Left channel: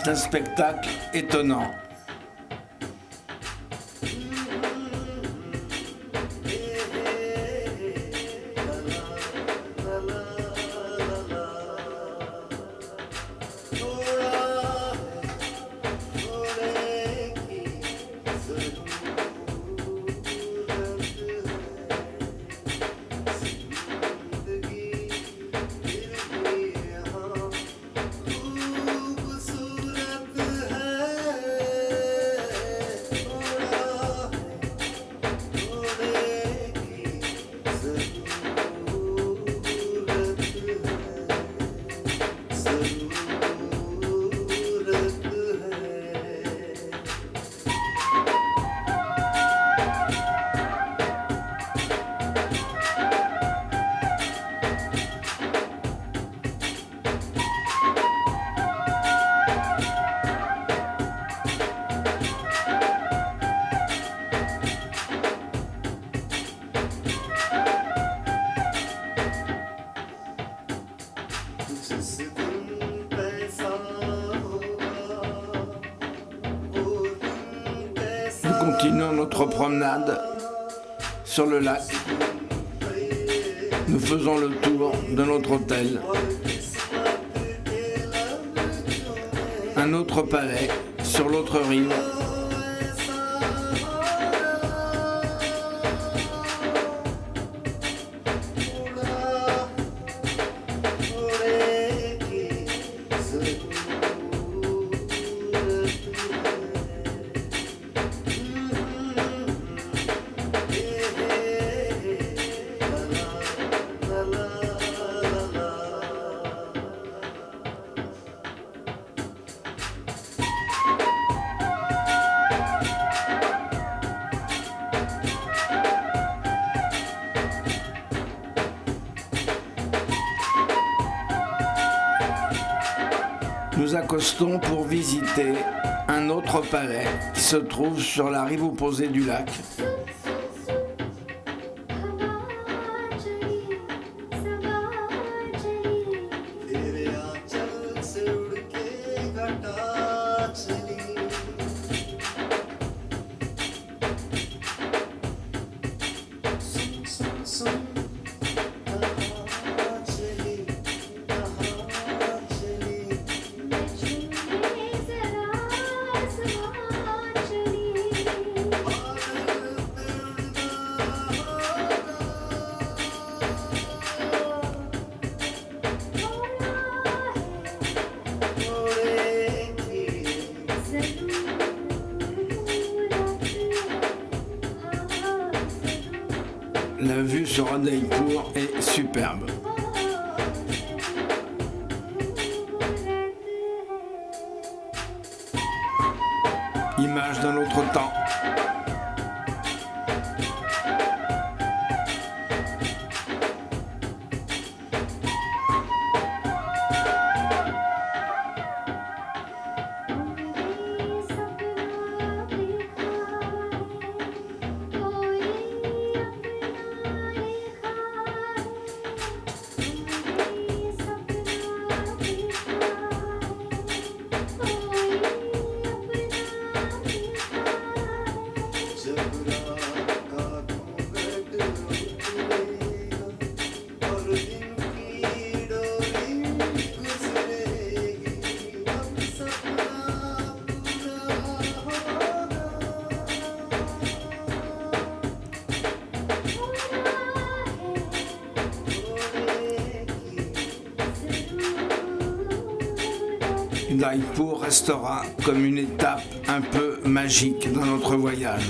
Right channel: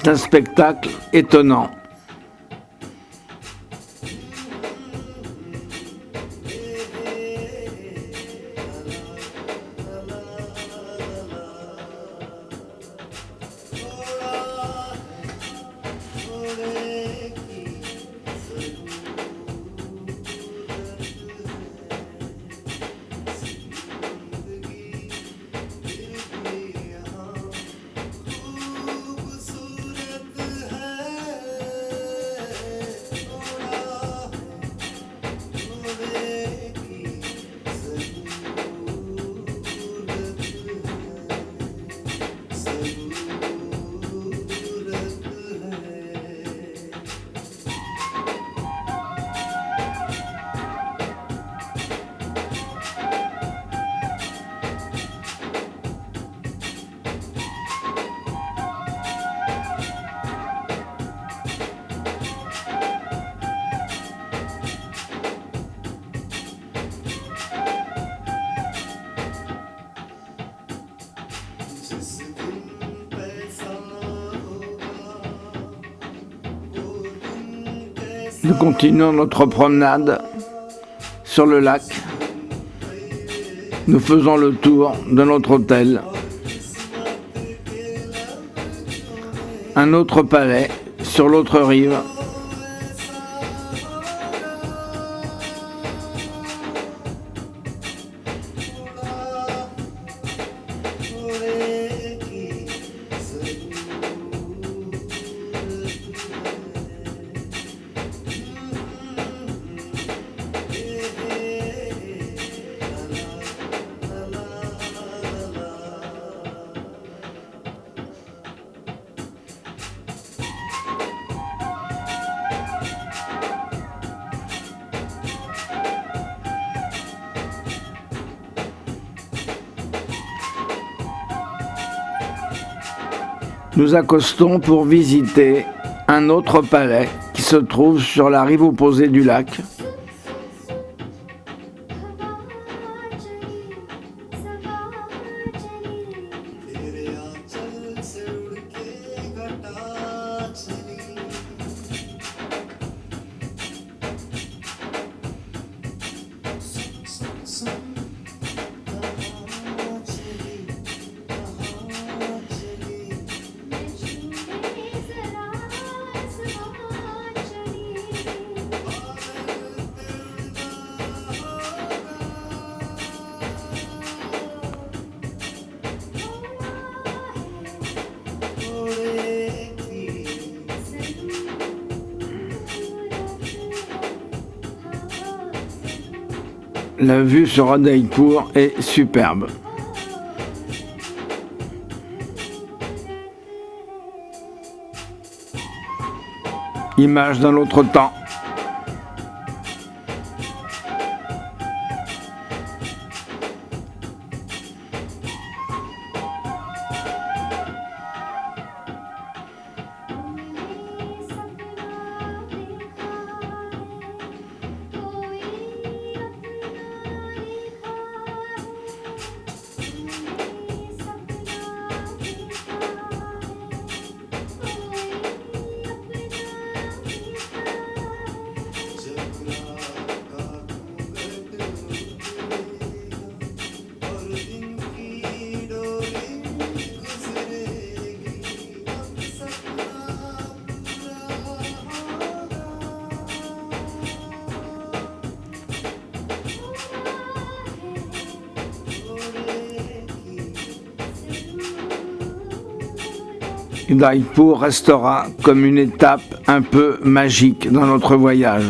C'est un spectacle étonnant. Nous continuons notre promenade sur le lac. Nous faisons le tour de notre hôtel. Un autre palais sur l'autre rive. Nous accostons pour visiter un autre palais qui se trouve sur la rive opposée du lac. La vue sur Udaipur est superbe. Image d'un autre temps. Udaipur restera comme une étape un peu magique dans notre voyage.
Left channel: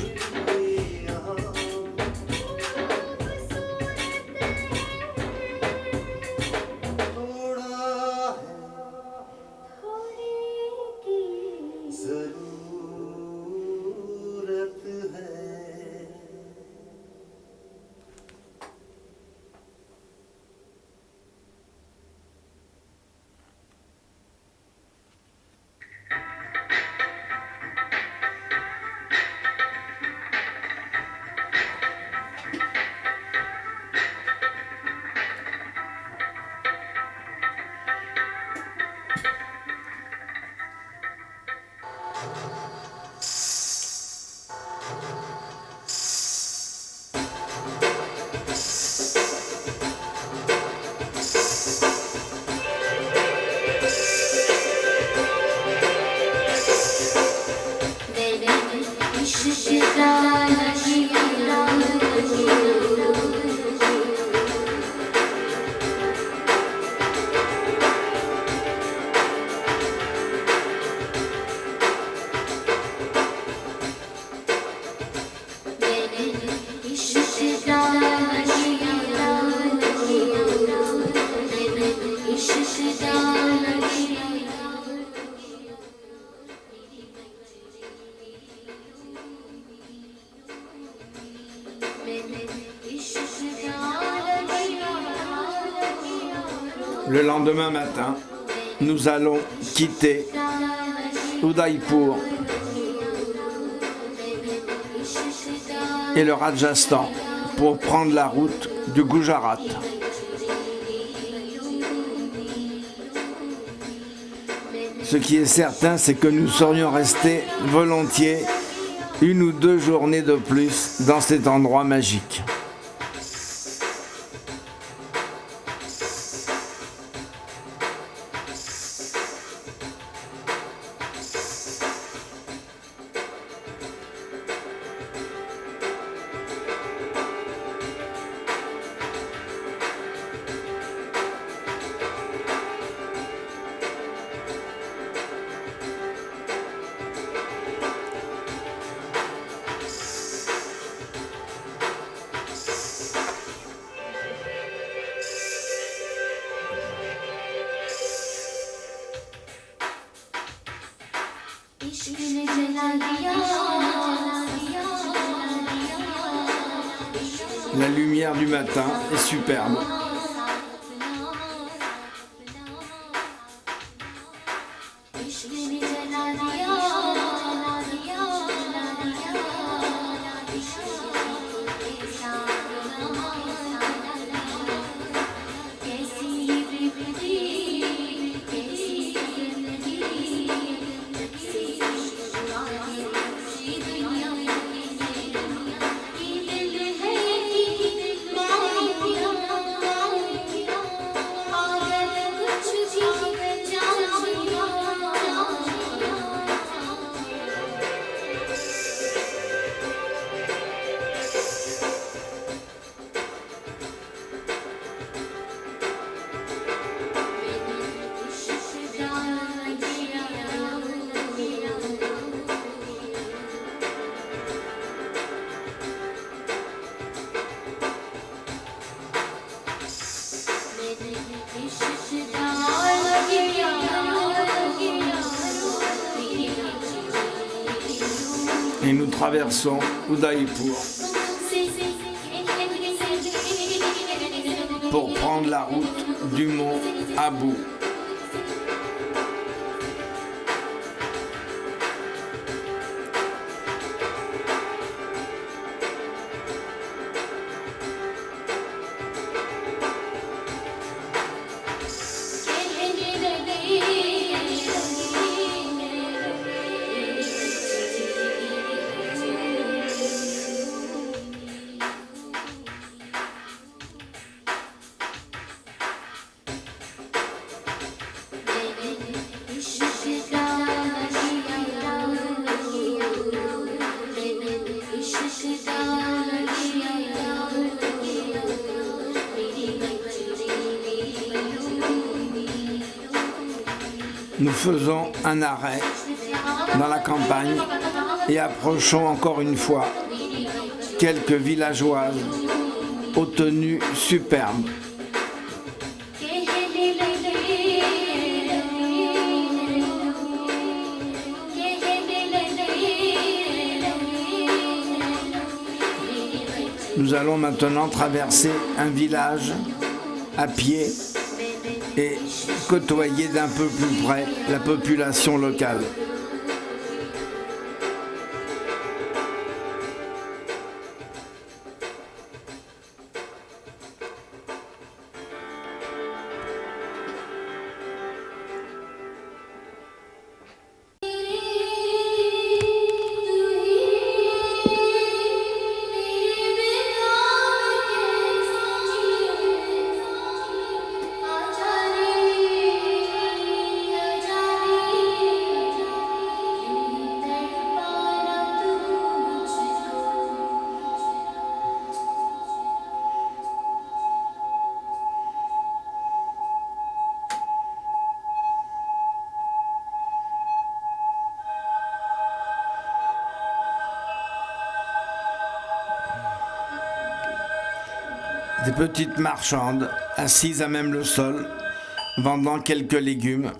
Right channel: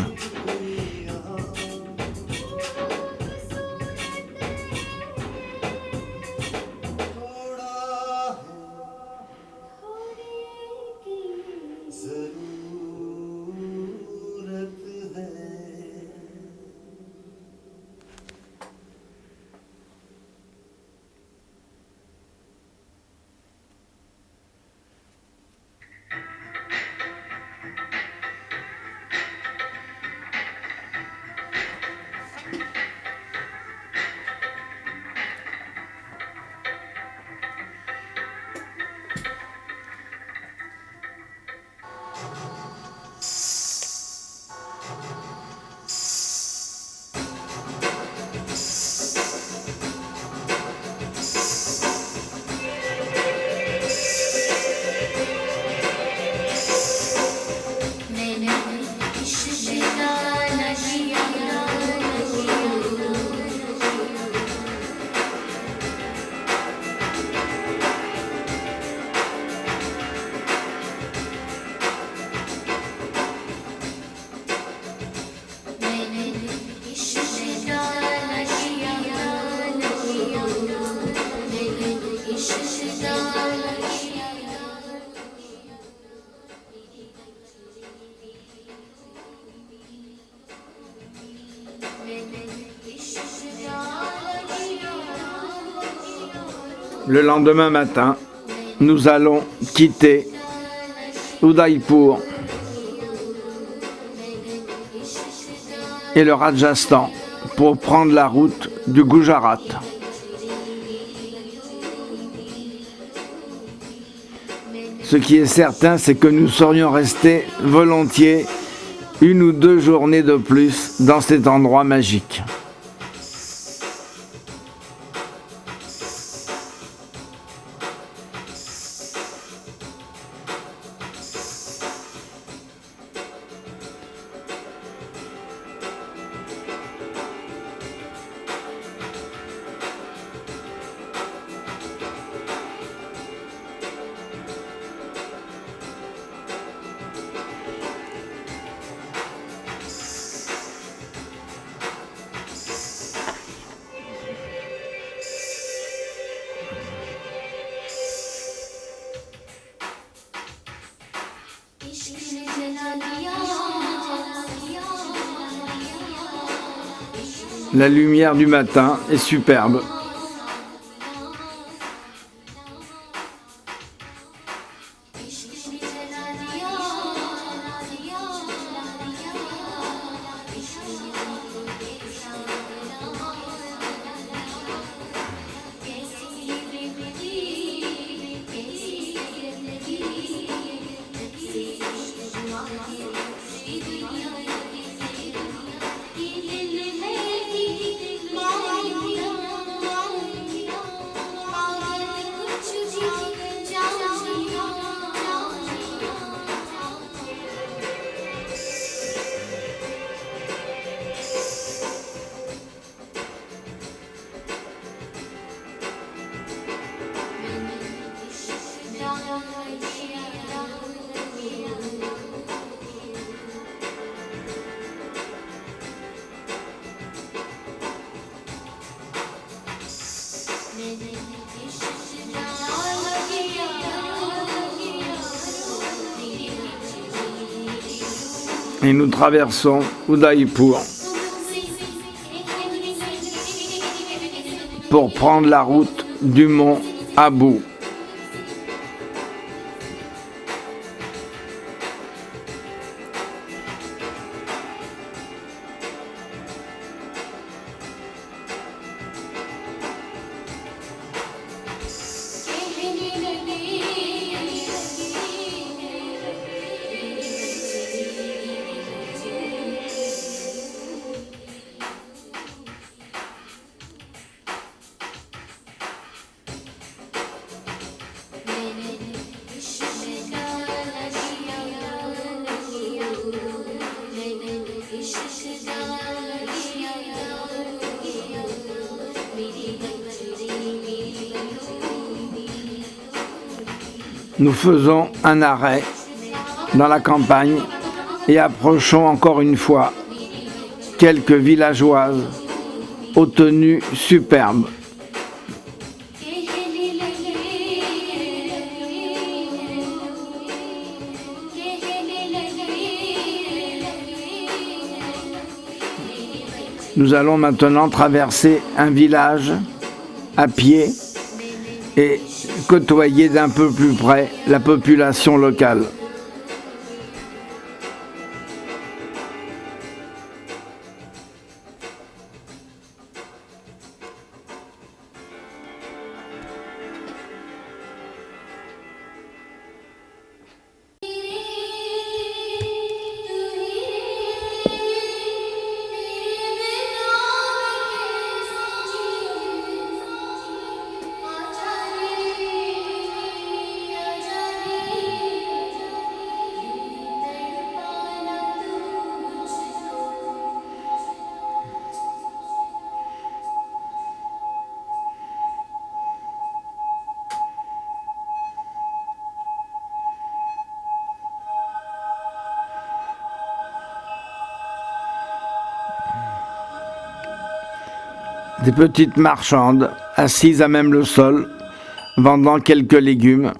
Le lendemain matin, nous allons quitter Udaipur et le Rajasthan pour prendre la route du Gujarat. Ce qui est certain, c'est que nous serions restés volontiers 1 ou 2 journées de plus dans cet endroit magique. La lumière du matin est superbe. Et nous traversons Udaipur pour prendre la route du mont Abu. Nous faisons un arrêt dans la campagne et approchons encore une fois quelques villageoises aux tenues superbes. Nous allons maintenant traverser un village à pied et côtoyer d'un peu plus près la population locale. Des petites marchandes assises à même le sol, vendant quelques légumes.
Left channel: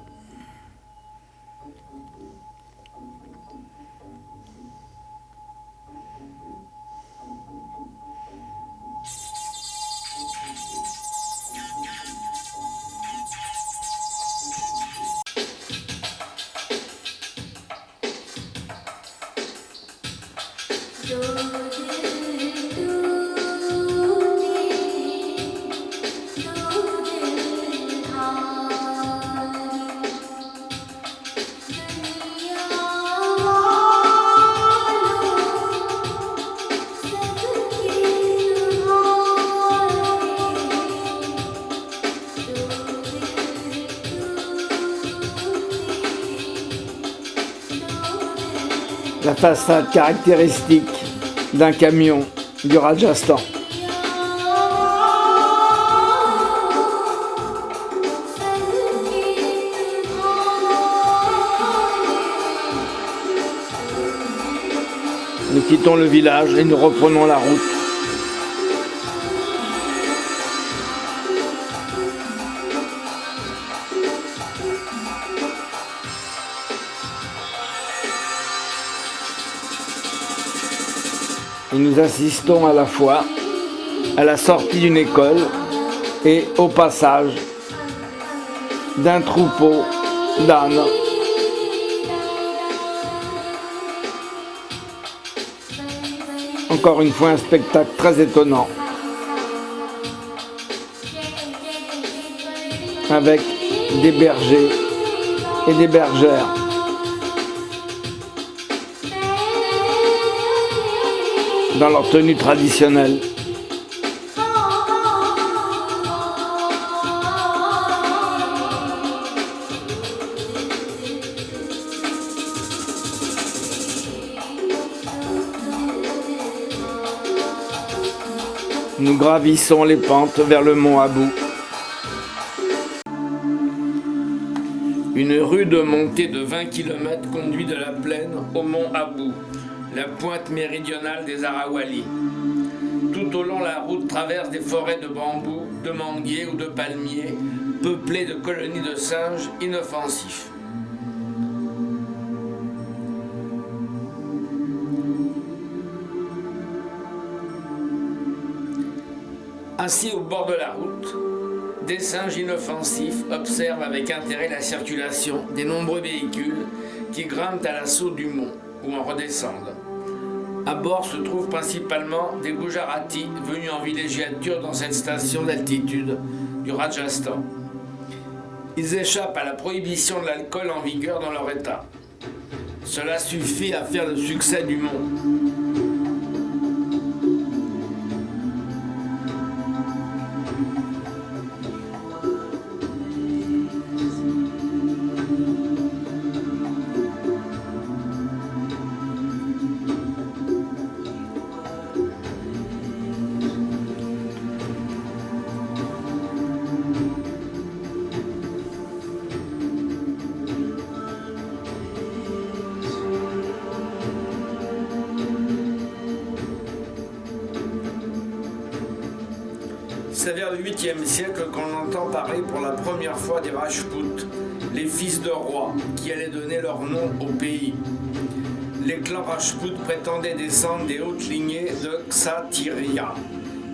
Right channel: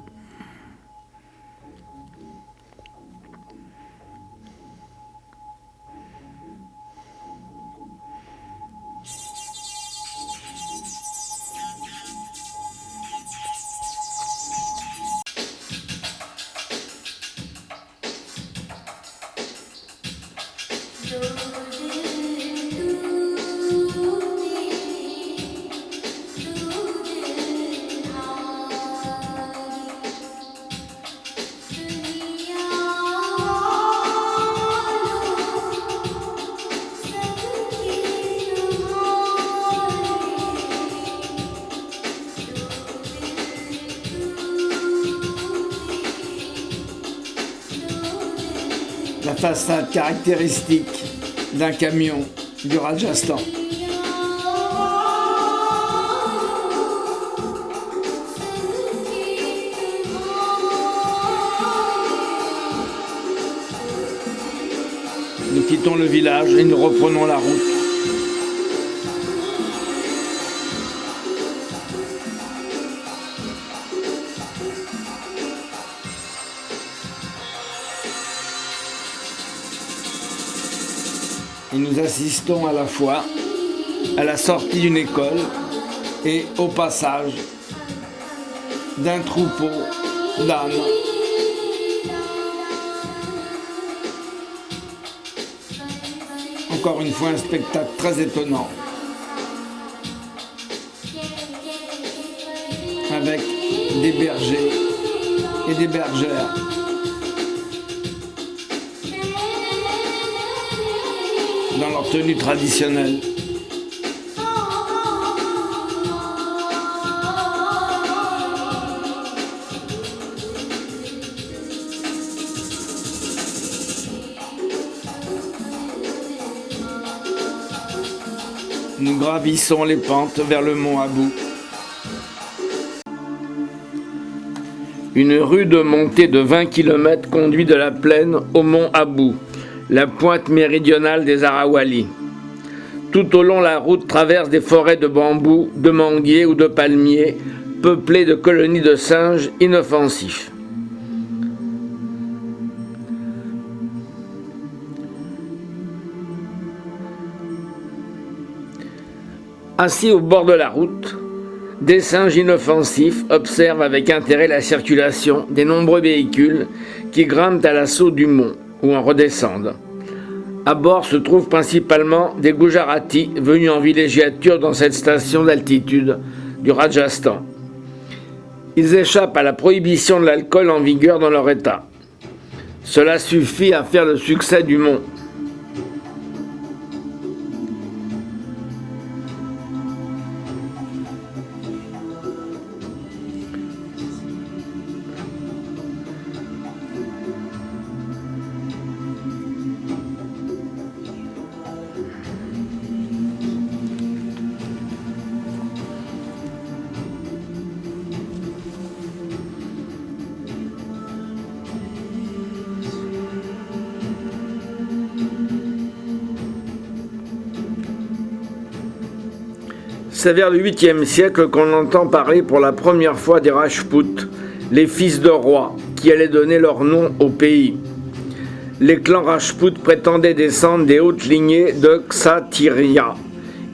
la façade caractéristique d'un camion du Rajasthan. Nous quittons le village et nous reprenons la route. Et nous assistons à la fois à la sortie d'une école et au passage d'un troupeau d'ânes. Encore une fois, un spectacle très étonnant, avec des bergers et des bergères. Dans leur tenue traditionnelle. Nous gravissons les pentes vers le mont Abou. Une rude montée de 20 km conduit de la plaine au mont Abou, la pointe méridionale des Arawalis. Tout au long, la route traverse des forêts de bambous, de manguiers ou de palmiers, peuplées de colonies de singes inoffensifs. Assis au bord de la route, des singes inoffensifs observent avec intérêt la circulation des nombreux véhicules qui grimpent à l'assaut du mont ou en redescendent. À bord se trouvent principalement des Gujaratis venus en villégiature dans cette station d'altitude du Rajasthan. Ils échappent à la prohibition de l'alcool en vigueur dans leur état. Cela suffit à faire le succès du mont. C'est vers le 8e siècle qu'on entend parler pour la première fois des Rajputs, les fils de rois, qui allaient donner leur nom au pays. Les clans Rajputs prétendaient descendre des hautes lignées de Kshatriya,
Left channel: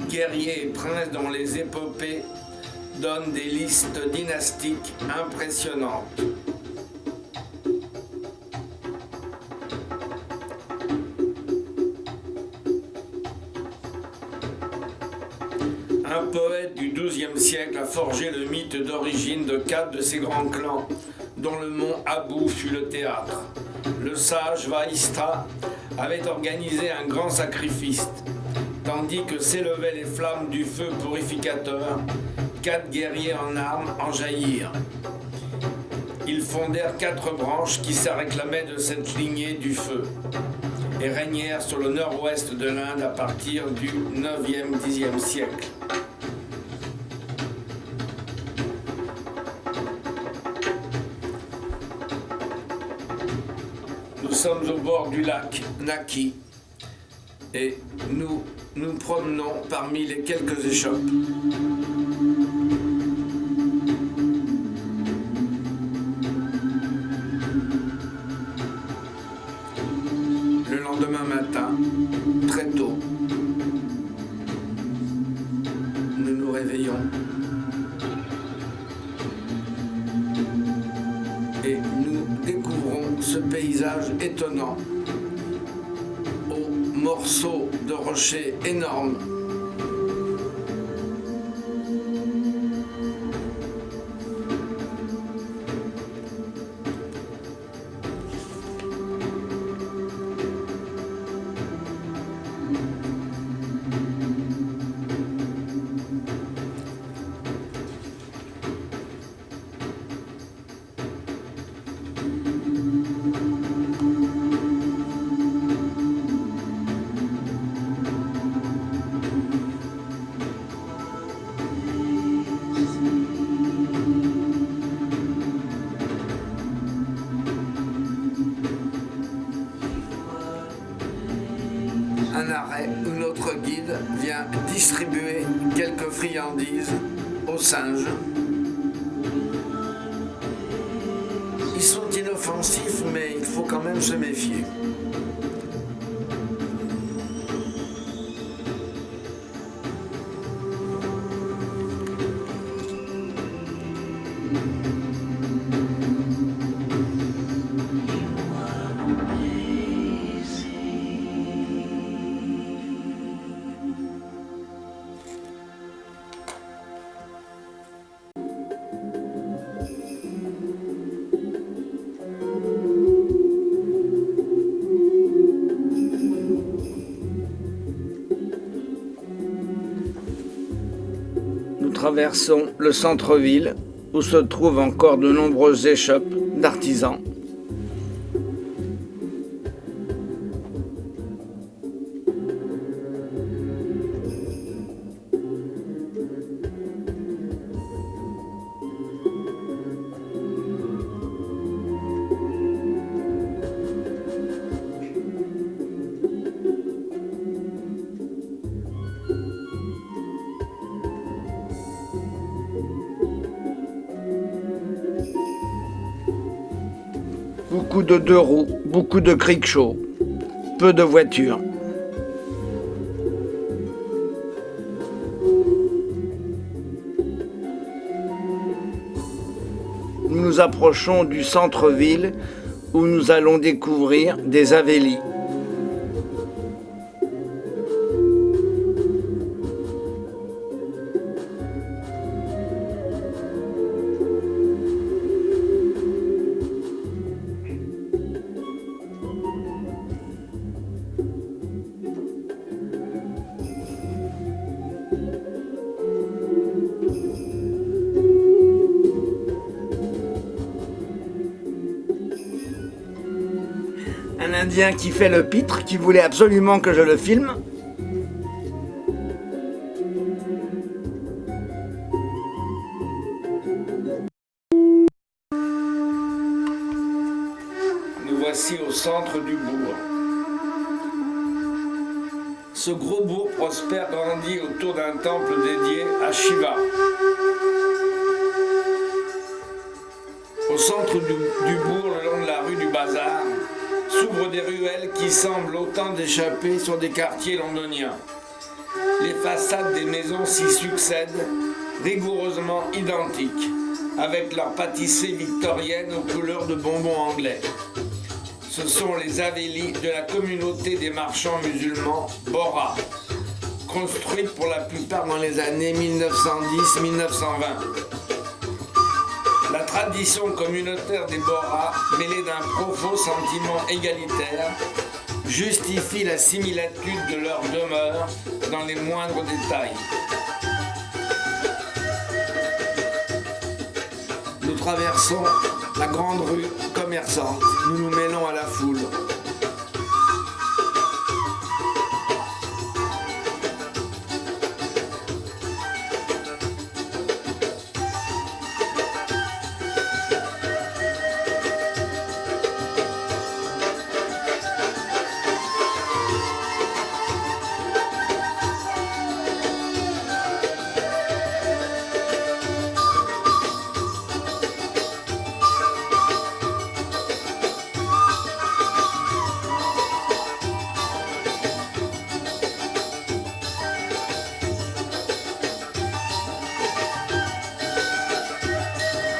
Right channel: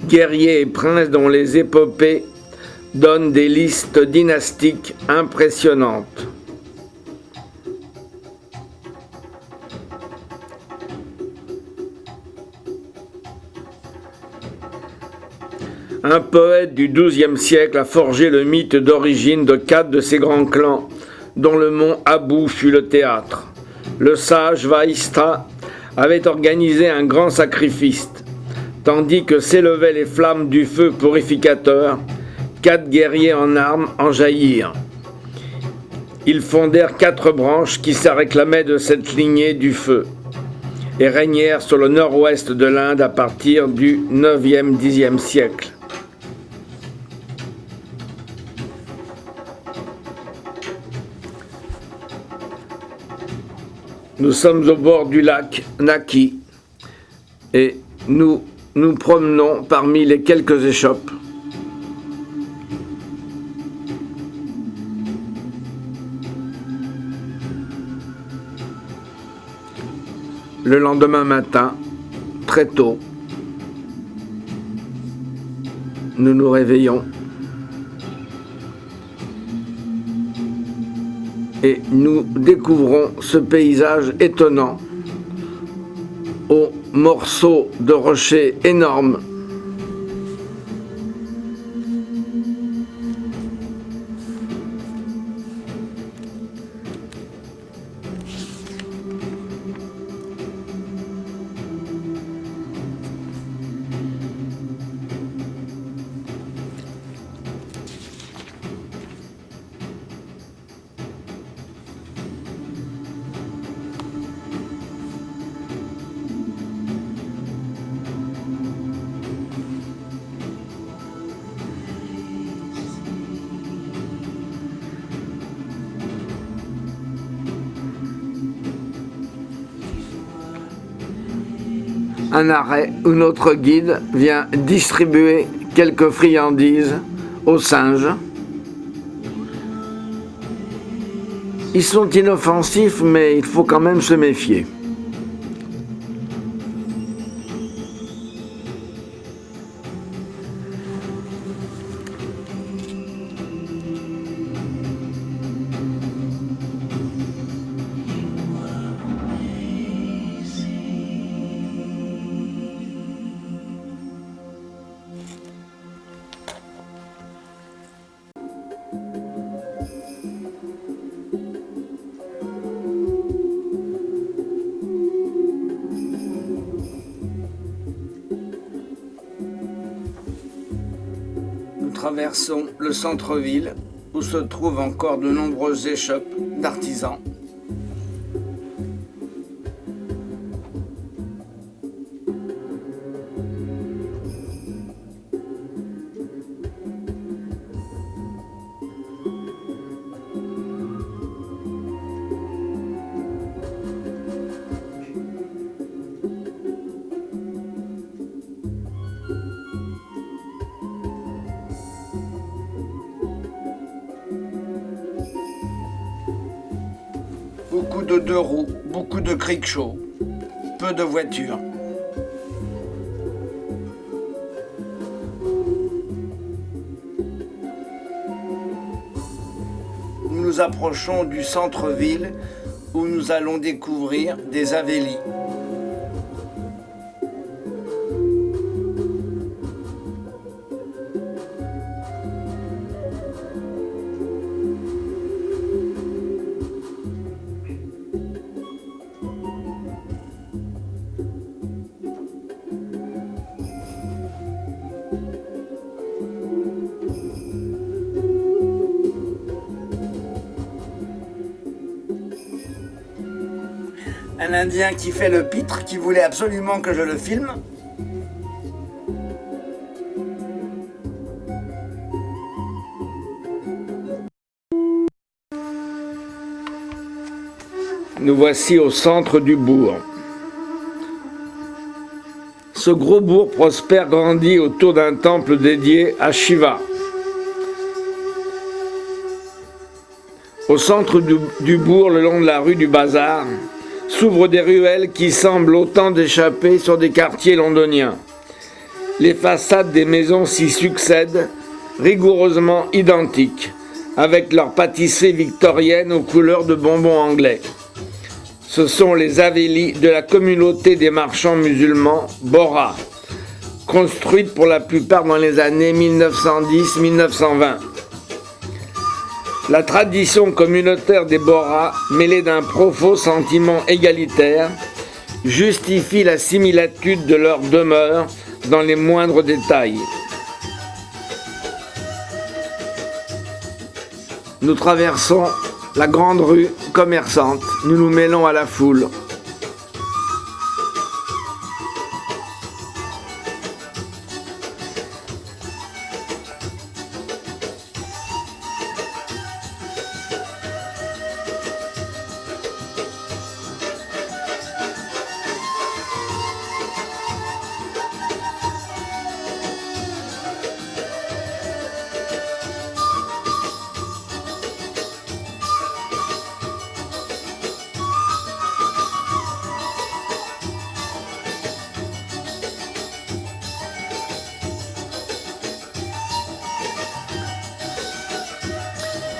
guerriers et princes dont les épopées donnent des listes dynastiques impressionnantes. Un poète du XIIe siècle a forgé le mythe d'origine de 4 de ces grands clans, dont le mont Abou fut le théâtre. Le sage Vaistra avait organisé un grand sacrifice, tandis que s'élevaient les flammes du feu purificateur, 4 guerriers en armes en jaillirent. Ils fondèrent 4 branches qui se réclamaient de cette lignée du feu et régnèrent sur le nord-ouest de l'Inde à partir du 9e-10e siècle. Nous sommes au bord du lac Naki et nous nous promenons parmi les quelques échoppes. Le lendemain matin, très tôt, nous nous réveillons et nous découvrons ce paysage étonnant aux morceaux de rochers énormes. un arrêt où notre guide vient distribuer quelques friandises aux singes. Ils sont inoffensifs, mais il faut quand même se méfier. Nous traversons le centre-ville où se trouvent encore de nombreuses échoppes d'artisans. Beaucoup de deux roues, beaucoup de crickshows, peu de voitures. Nous nous approchons du centre-ville où nous allons découvrir des Avélis. Un Indien qui fait le pitre, qui voulait absolument que je le filme. Nous voici au centre du bourg. Ce gros bourg prospère grandit autour d'un temple dédié à Shiva. Au centre du bourg, le long de la rue du Bazar, s'ouvrent des ruelles qui semblent autant d'échappées sur des quartiers londoniens. Les façades des maisons s'y succèdent, rigoureusement identiques, avec leurs pâtissées victoriennes aux couleurs de bonbons anglais. Ce sont les Havélis de la communauté des marchands musulmans Bohra, construites pour la plupart dans les années 1910-1920. La tradition communautaire des Bohra, mêlée d'un profond sentiment égalitaire, justifie la similitude de leur demeure dans les moindres détails. Nous traversons la grande rue commerçante, nous nous mêlons à la foule.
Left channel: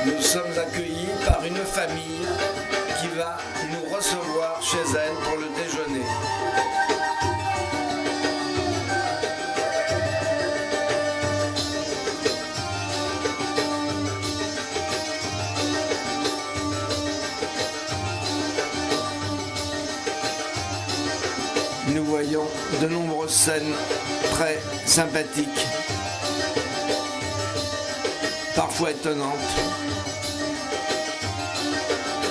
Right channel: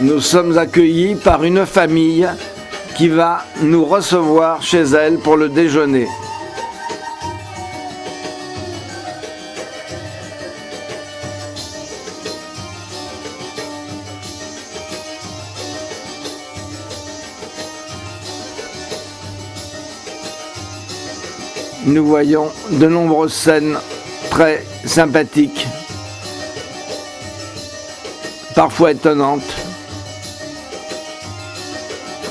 Nous sommes accueillis par une famille qui va nous recevoir chez elle pour le déjeuner. Nous voyons de nombreuses scènes très sympathiques, parfois étonnantes,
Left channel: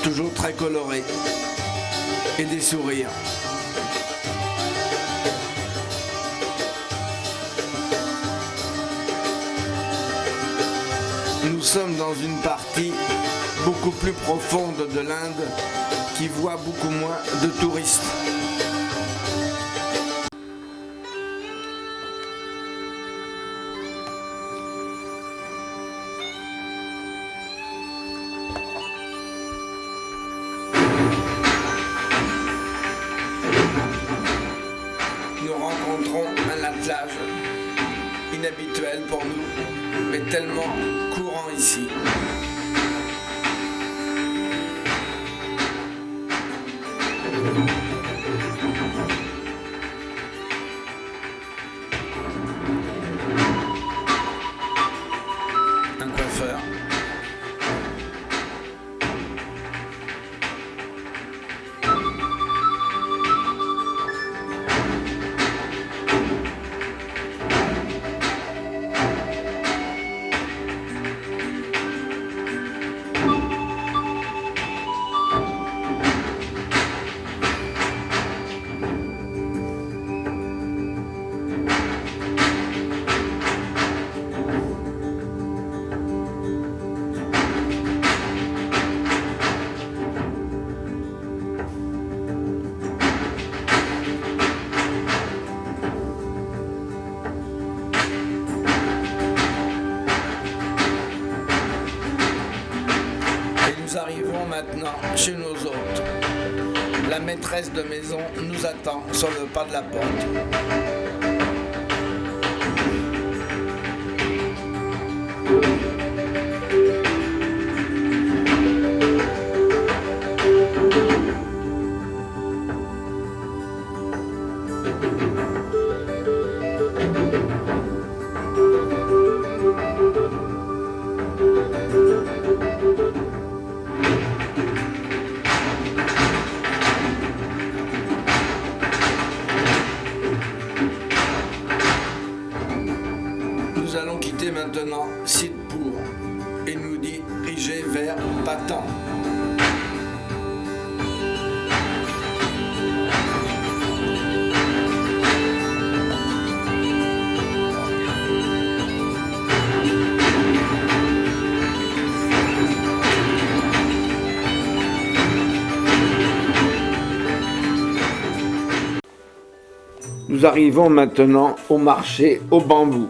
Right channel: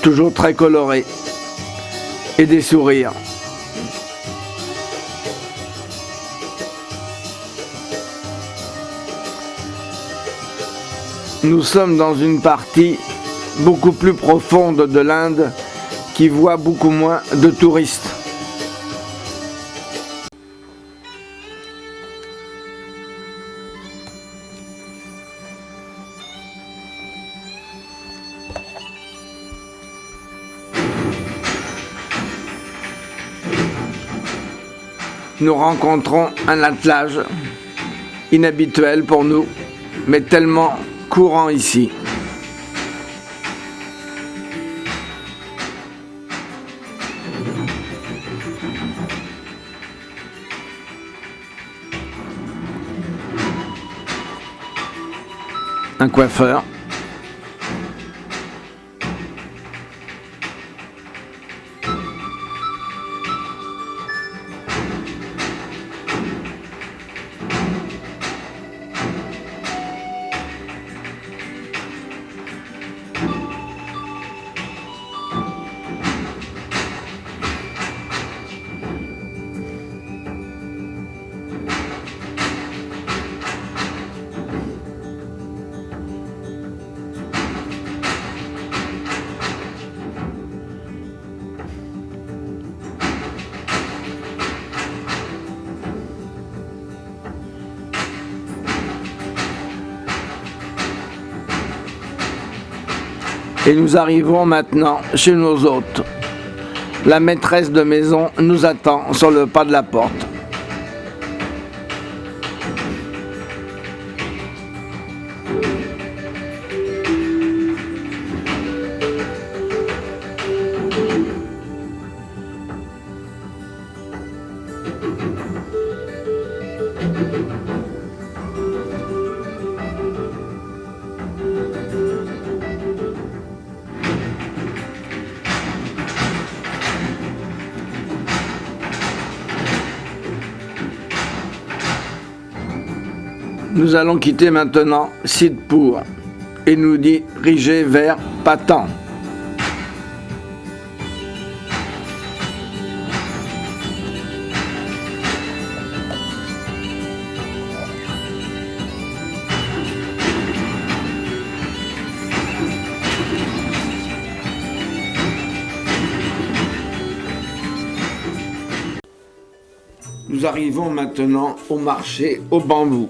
toujours très colorées, et des sourires. Nous sommes dans une partie beaucoup plus profonde de l'Inde qui voit beaucoup moins de touristes. Nous rencontrons un attelage inhabituel pour nous, mais tellement courant ici. Un coiffeur. Et nous arrivons maintenant chez nos hôtes. La maîtresse de maison nous attend sur le pas de la porte. Nous allons quitter maintenant Sidhpur et nous diriger vers Patan. Nous arrivons maintenant au marché au bambou.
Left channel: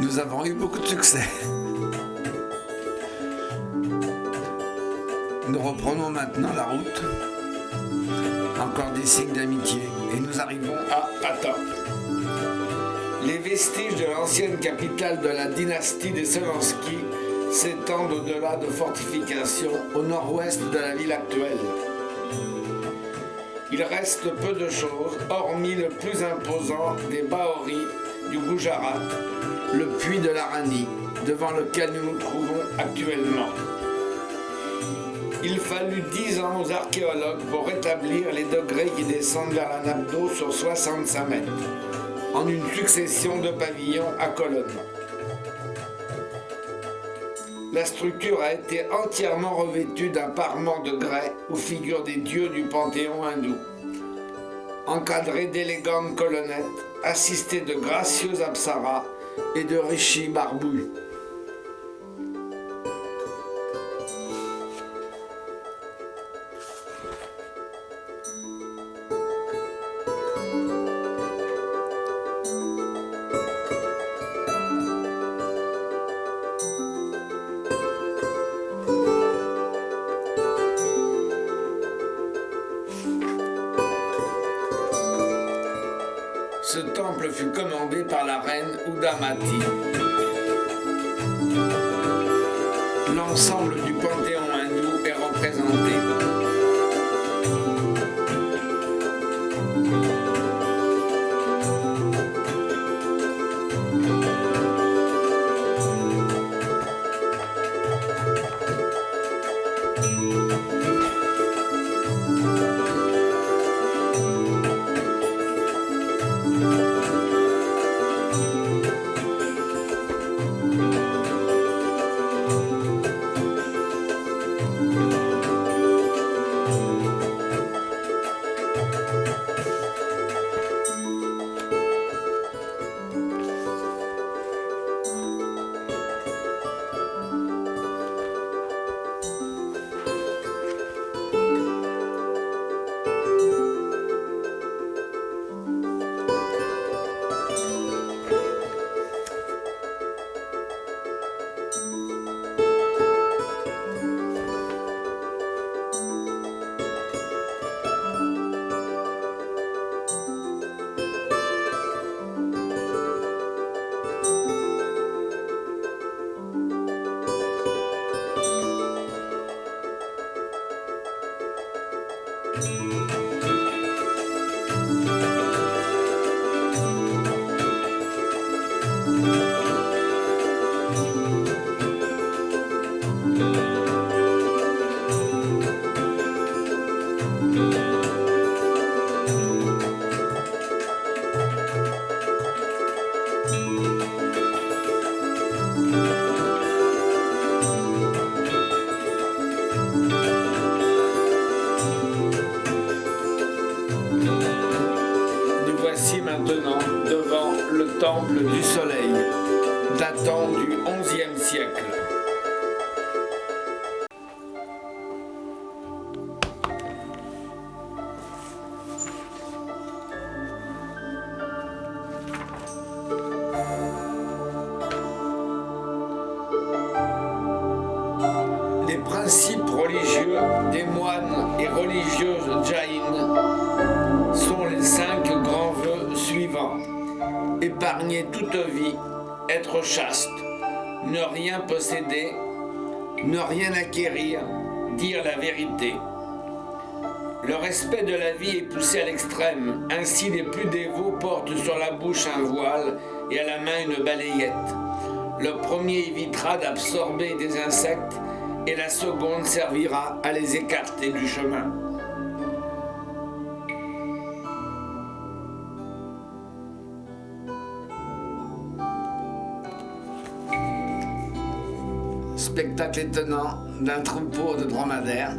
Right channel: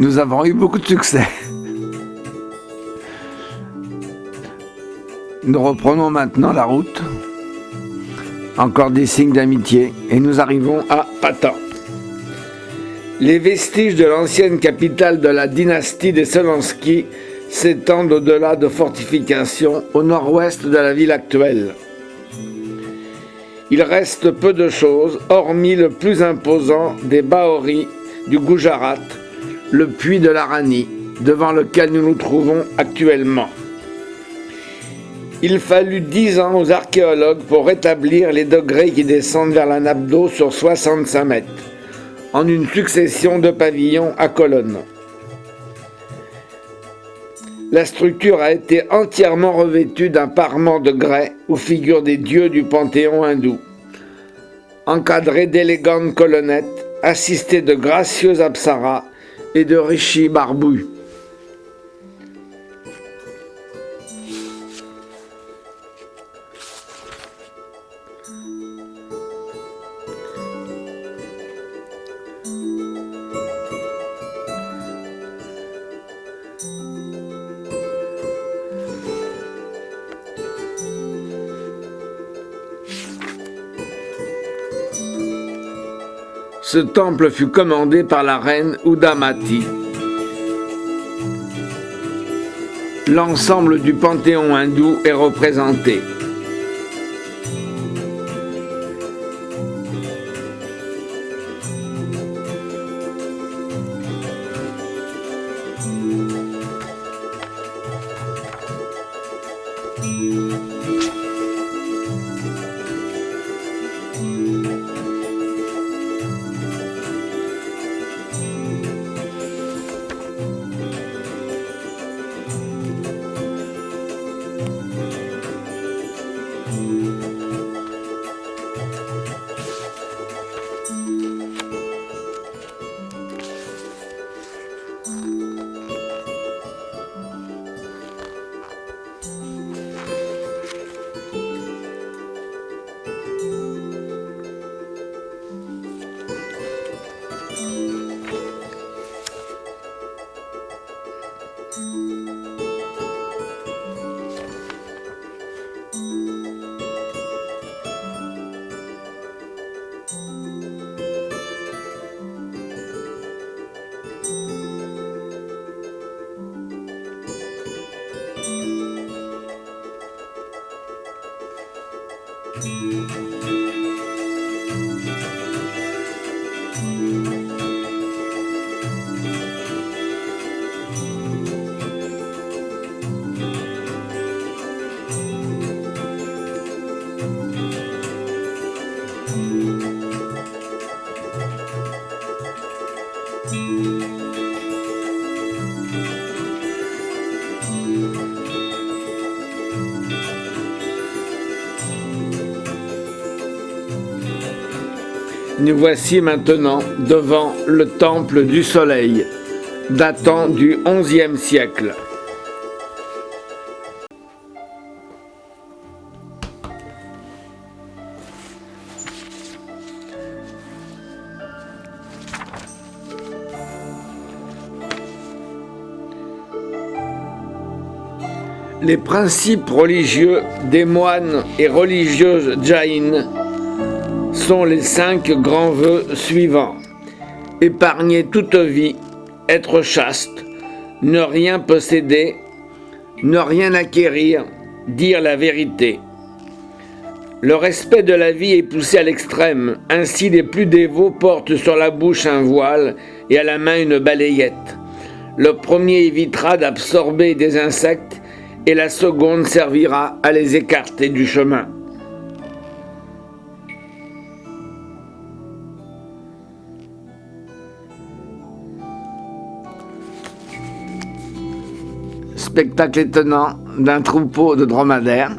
Nous avons eu beaucoup de succès. Nous reprenons maintenant la route. Encore des signes d'amitié et nous arrivons à Patan. Les vestiges de l'ancienne capitale de la dynastie des Selensky s'étendent au-delà de fortifications au nord-ouest de la ville actuelle. Il reste peu de choses, hormis le plus imposant des Bahoris du Gujarat, le puits de la Rani, devant lequel nous nous trouvons actuellement. Il fallut 10 ans aux archéologues pour rétablir les degrés qui descendent vers la nappe d'eau sur 65 mètres, en une succession de pavillons à colonnes. La structure a été entièrement revêtue d'un parement de grès où figurent des dieux du panthéon hindou, encadrés d'élégantes colonnettes, assistés de gracieux apsaras et de rishis barbus. Ce temple fut commandé par la reine Udamati. L'ensemble du panthéon hindou est représenté. Nous voici maintenant devant le temple du soleil, datant du XIe siècle. Les principes religieux des moines et religieuses jaïnes sont les 5 grands vœux suivants. Épargner toute vie, être chaste, ne rien posséder, ne rien acquérir, dire la vérité. Le respect de la vie est poussé à l'extrême, ainsi les plus dévots portent sur la bouche un voile et à la main une balayette. Le premier évitera d'absorber des insectes et la seconde servira à les écarter du chemin. Spectacle étonnant d'un troupeau de dromadaires.